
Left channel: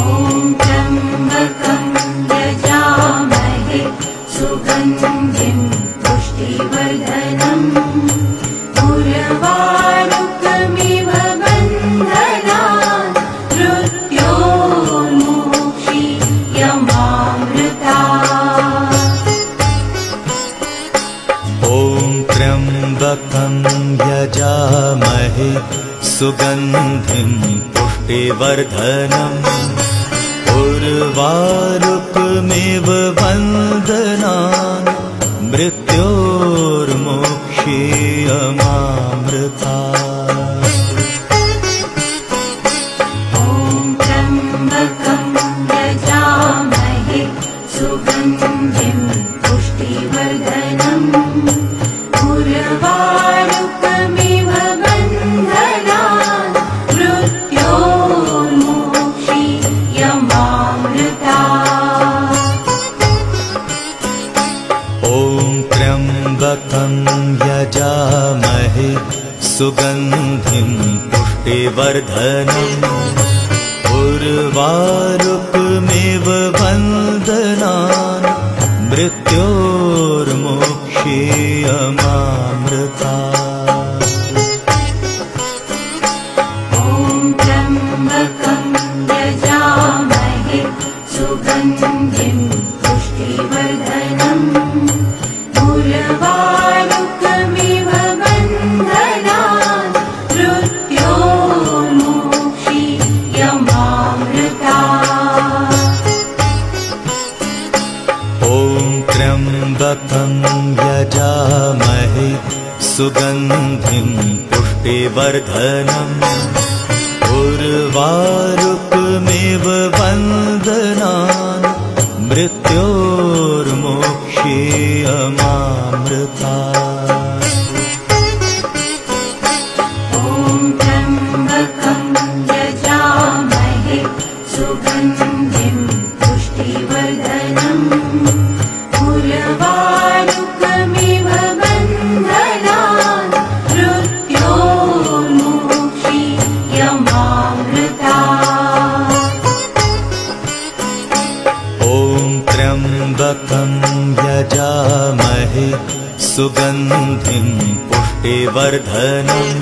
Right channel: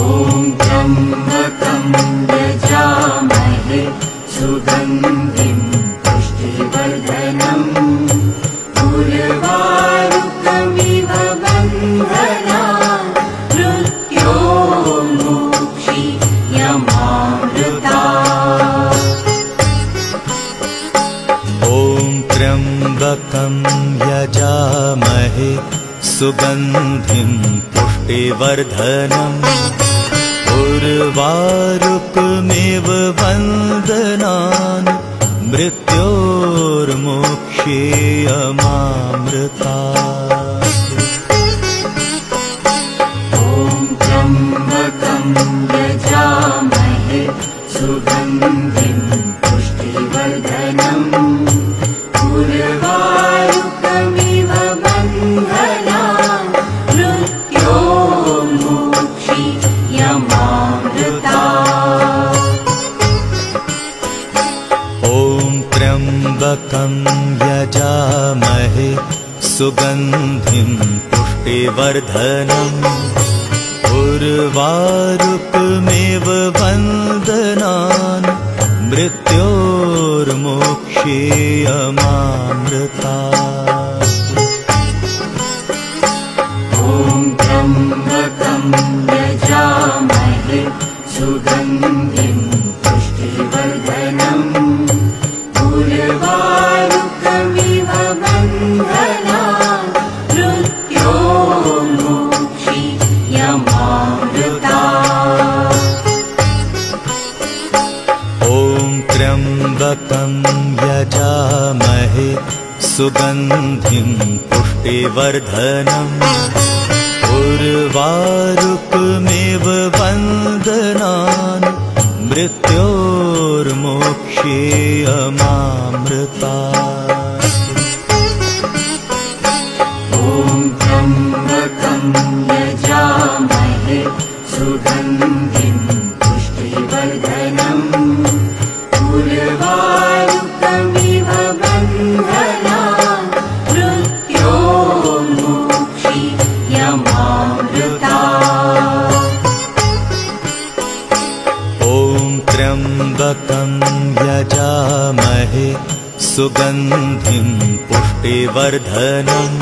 ॐ त्र्यम्बकं यजामहे सुगन्धिं पुष्टिवर्धनम् उर्वारुकमिव बन्धनान् मृत्योर्मोक्षीयमामृतात्। ॐ त्र्यम्बकं यजामहे सुगन्धिं पुष्टिवर्धनम् उर्वारुकमिव बन्धनान् मृत्योर्मोक्षीयमामृतात्। ॐ त्र्यम्बकं यजामहे सुगन्धिं पुष्टिवर्धनम् उर्वारुकमिव बन्धनान् मृत्योर्मोक्षीयमामृतात्। ॐ त्र्यम्बकं यजामहे सुगन्धिं पुष्टिवर्धनम् उर्वारुकमिव बन्धनान् मृत्योर्मोक्षीयमामृतात्। ॐ त्र्यम्बकं यजामहे सुगन्धिं पुष्टिवर्धनम् उर्वारुकमिव बन्धनान् मृत्योर्मोक्षीयमामृतात्। ॐ त्र्यम्बकं यजामहे सुगन्धिं पुष्टिवर्धनम् उर्वारुकमिव बन्धनान् मृत्योर्मोक्षीयमामृतात्। ॐ त्र्यम्बकं यजामहे सुगन्धिं पुष्टिवर्धनम् उर्वारुकमिव बन्धनान् मृत्योर्मोक्षीयमामृतात्। ॐ त्र्यम्बकं यजामहे सुगन्धिं पुष्टिवर्धनम्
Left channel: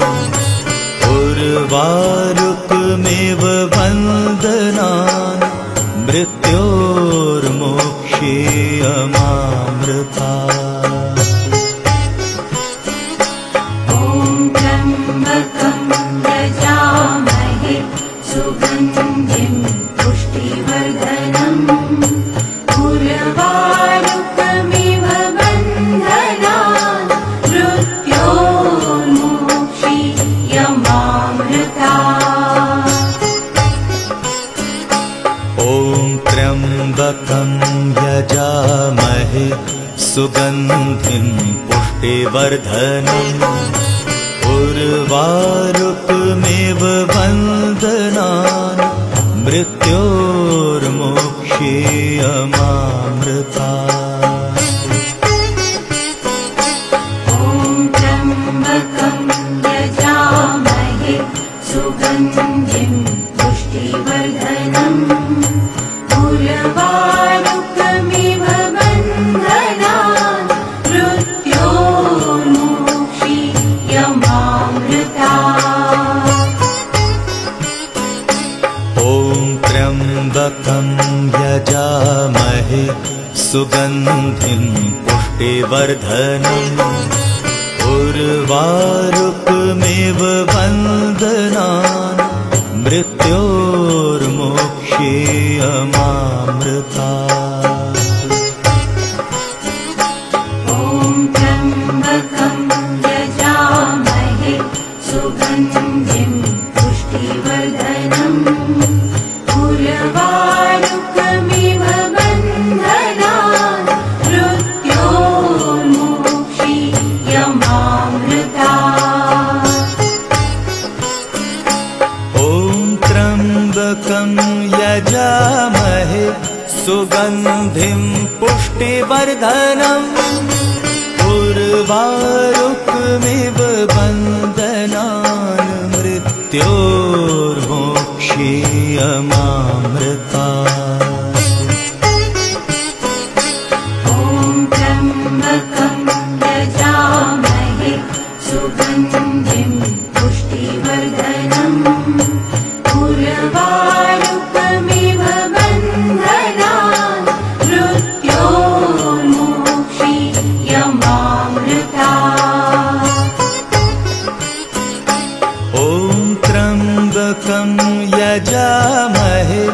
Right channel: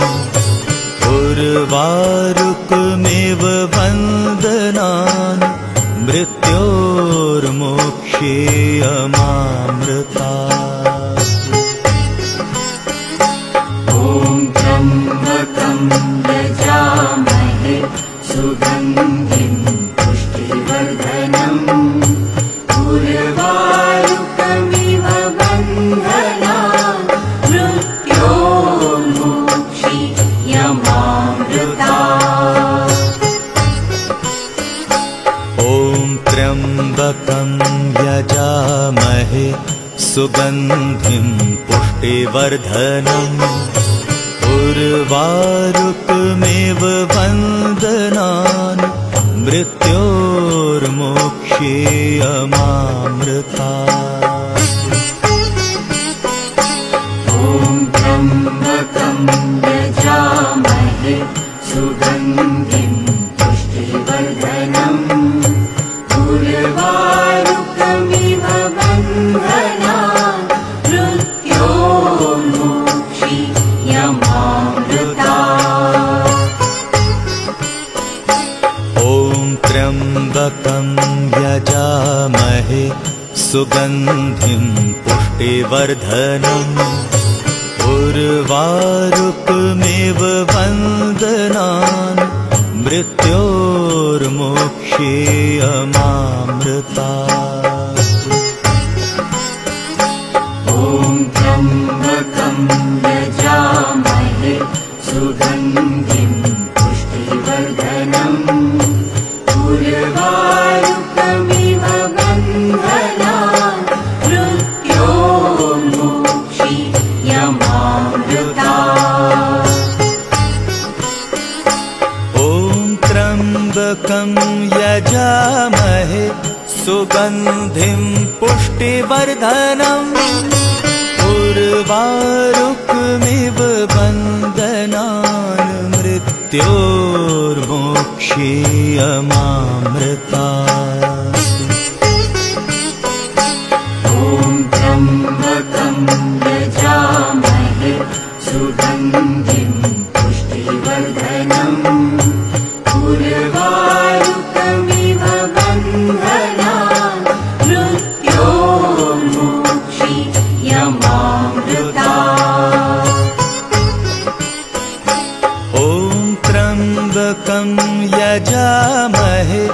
उर्वारुकमिव बन्धनान् मृत्योर्मोक्षीयमामृतात्। ॐ त्र्यम्बकं यजामहे सुगन्धिं पुष्टिवर्धनम् उर्वारुकमिव बन्धनान् मृत्योर्मोक्षीयमामृतात्। ॐ त्र्यम्बकं यजामहे सुगन्धिं पुष्टिवर्धनम् उर्वारुकमिव बन्धनान् मृत्योर्मोक्षीयमामृतात्। ॐ त्र्यम्बकं यजामहे सुगन्धिं पुष्टिवर्धनम् उर्वारुकमिव बन्धनान् मृत्योर्मोक्षीयमामृतात्। ॐ त्र्यम्बकं यजामहे सुगन्धिं पुष्टिवर्धनम् उर्वारुकमिव वन्दनान् मृत्योर्मोक्षेयमामृतात्। ॐ त्र्यम्बकं यजामहे सुगन्धिं पुष्टिवर्धनम् उर्वारुकमिव वन्दनान् मृत्योर्मोक्षेयमामृतात्। ॐ त्र्यम्बकं यजामहे सुगन्धिं पुष्टिवर्धनम् उर्वारुकमिव वन्दनान् मृत्योर्मोक्षेयमामृतात्। ॐ त्र्यम्बकं यजामहे सुगन्धिं पुष्टिवर्धनम् उर्वारुकमिव वन्दनान् मृत्योर्मोक्षेयमामृतात्। ॐ त्र्यम्बकं यजामहे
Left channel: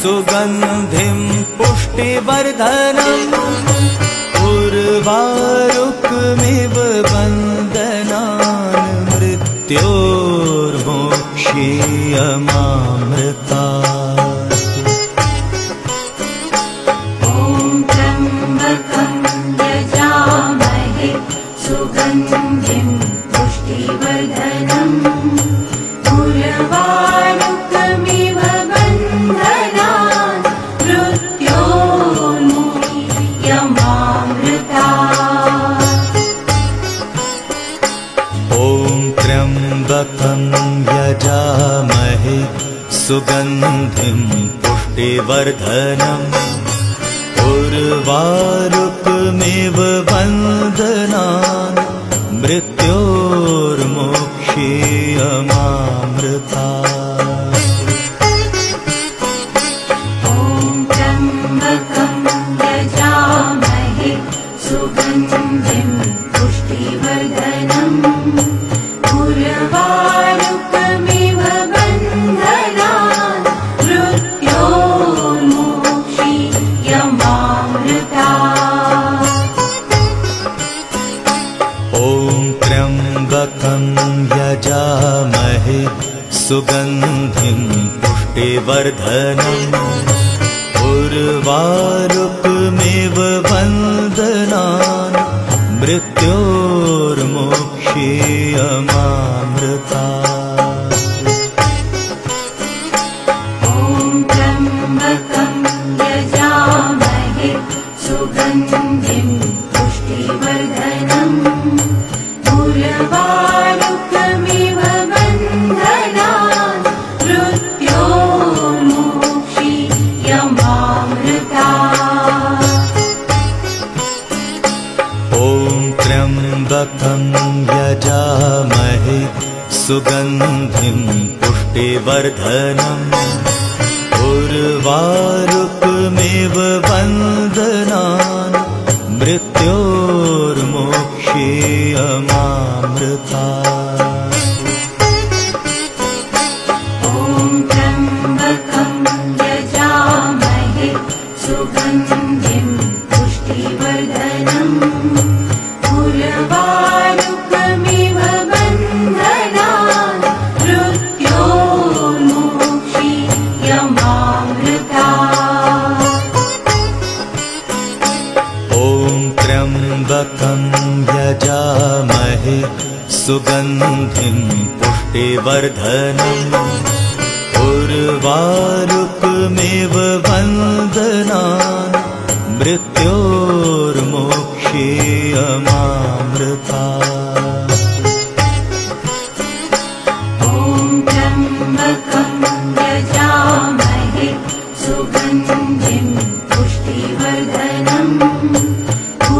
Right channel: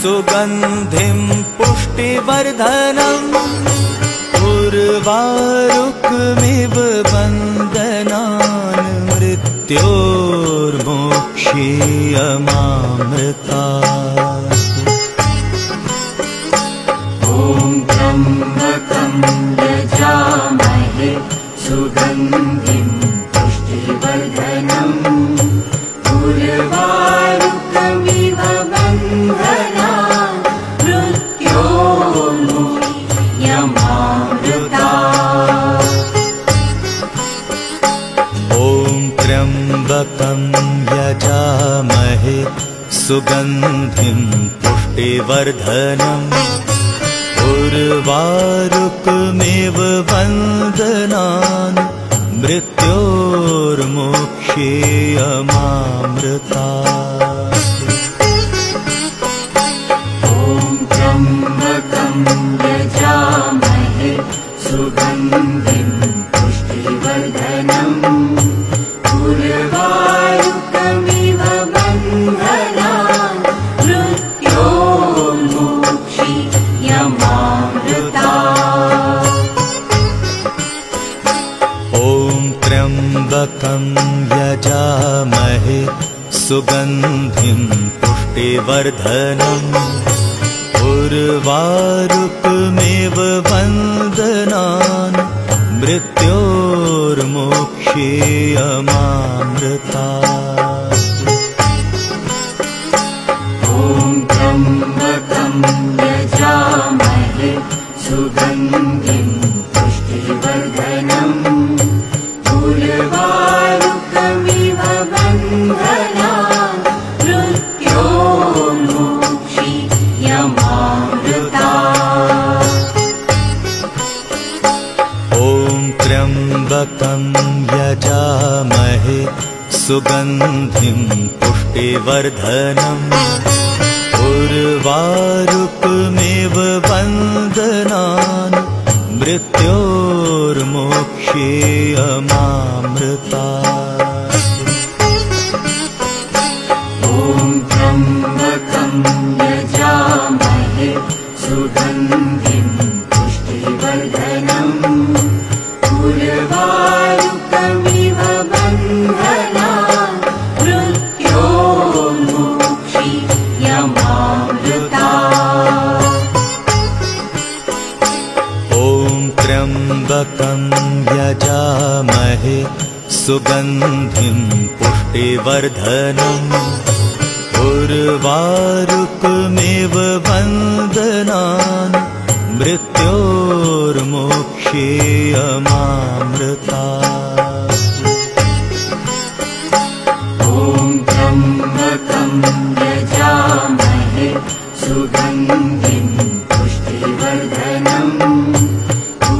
सुगन्धिं पुष्टिवर्धनम् उर्वारुकमिव वन्दनान् मृत्योर्मोक्षेयमामृतात्। ॐ त्र्यम्बकं यजामहे सुगन्धिं पुष्टिवर्धनम् उर्वारुकमिव वन्दनान् मृत्योर्मोक्षेयमामृतात्। ॐ त्र्यम्बकं यजामहे सुगन्धिं पुष्टिवर्धनम् उर्वारुकमिव वन्दनान् मृत्योर्मोक्षेयमामृतात्। ॐ त्र्यम्बकं यजामहे सुगन्धिं पुष्टिवर्धनम् उर्वारुकमिव वन्दनान् मृत्योर्मोक्षेयमामृतात्। ॐ त्र्यम्बकं यजामहे सुगन्धिं पुष्टिवर्धनम् उर्वारुकमिव वन्दनान् मृत्योर्मोक्षेयमामृतात्। ॐ त्र्यम्बकं यजामहे सुगन्धिं पुष्टिवर्धनम् उर्वारुकमिव वन्दनान् मृत्योर्मोक्षेयमामृतात्। ॐ त्र्यम्बकं यजामहे सुगन्धिं पुष्टिवर्धनम् उर्वारुकमिव वन्दनान् मृत्योर्मोक्षेयमामृतात्। ॐ त्र्यम्बकं यजामहे सुगन्धिं पुष्टिवर्धनम् उर्वारुकमिव वन्दनान् मृत्योर्मोक्षेयमामृतात्। ॐ त्र्यम्बकं यजामहे सुगन्धिं पुष्टिवर्धनम् उर्वारुकमिव वन्दनान् मृत्योर्मोक्षेयमामृतात्। ॐ त्र्यम्बकं यजामहे सुगन्धिं पुष्टिवर्धनम्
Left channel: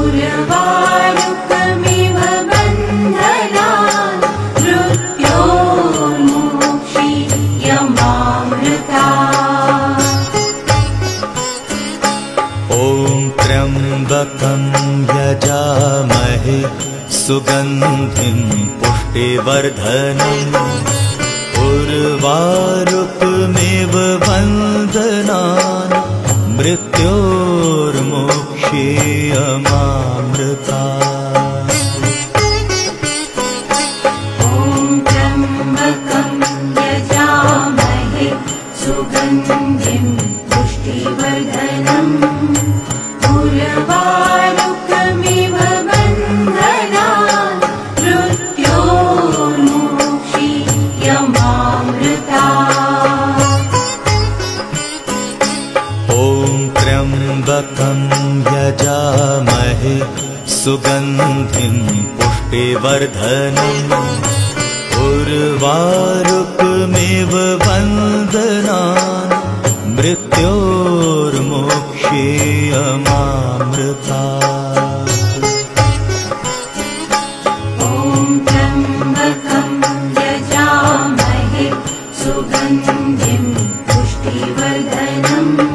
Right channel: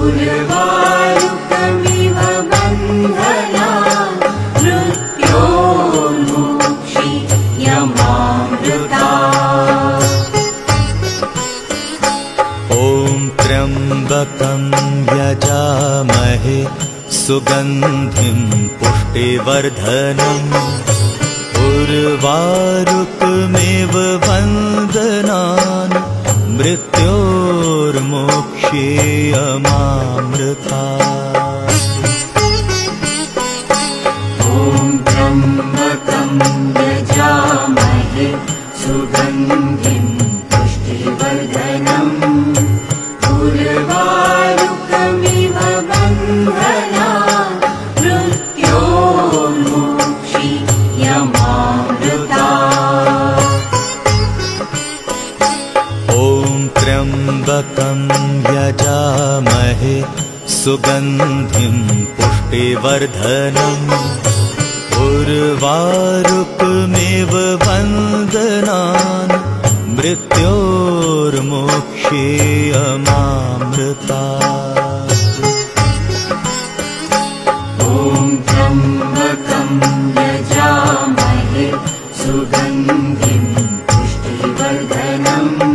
उर्वारुकमिव वन्दनान् मृत्योर्मोक्षेयमामृतात्। ॐ त्र्यम्बकं यजामहे सुगन्धिं पुष्टिवर्धनम् उर्वारुकमेव वन्दनान् मृत्योर्मोक्षेयमामृतात्। ॐ त्र्यम्बकं यजामहे सुगन्धिं पुष्टिवर्धनम् उर्वारुकमिव बन्धनान् मृत्योर्मोक्षीयमामृतात्। ॐ त्र्यम्बकं यजामहे सुगन्धिं पुष्टिवर्धनम् उर्वारुकमेव वन्दनान् मृत्योर्मोक्षेयमामृतात्। ॐ त्र्यम्बकं यजामहे सुगन्धिं पुष्टिवर्धनम्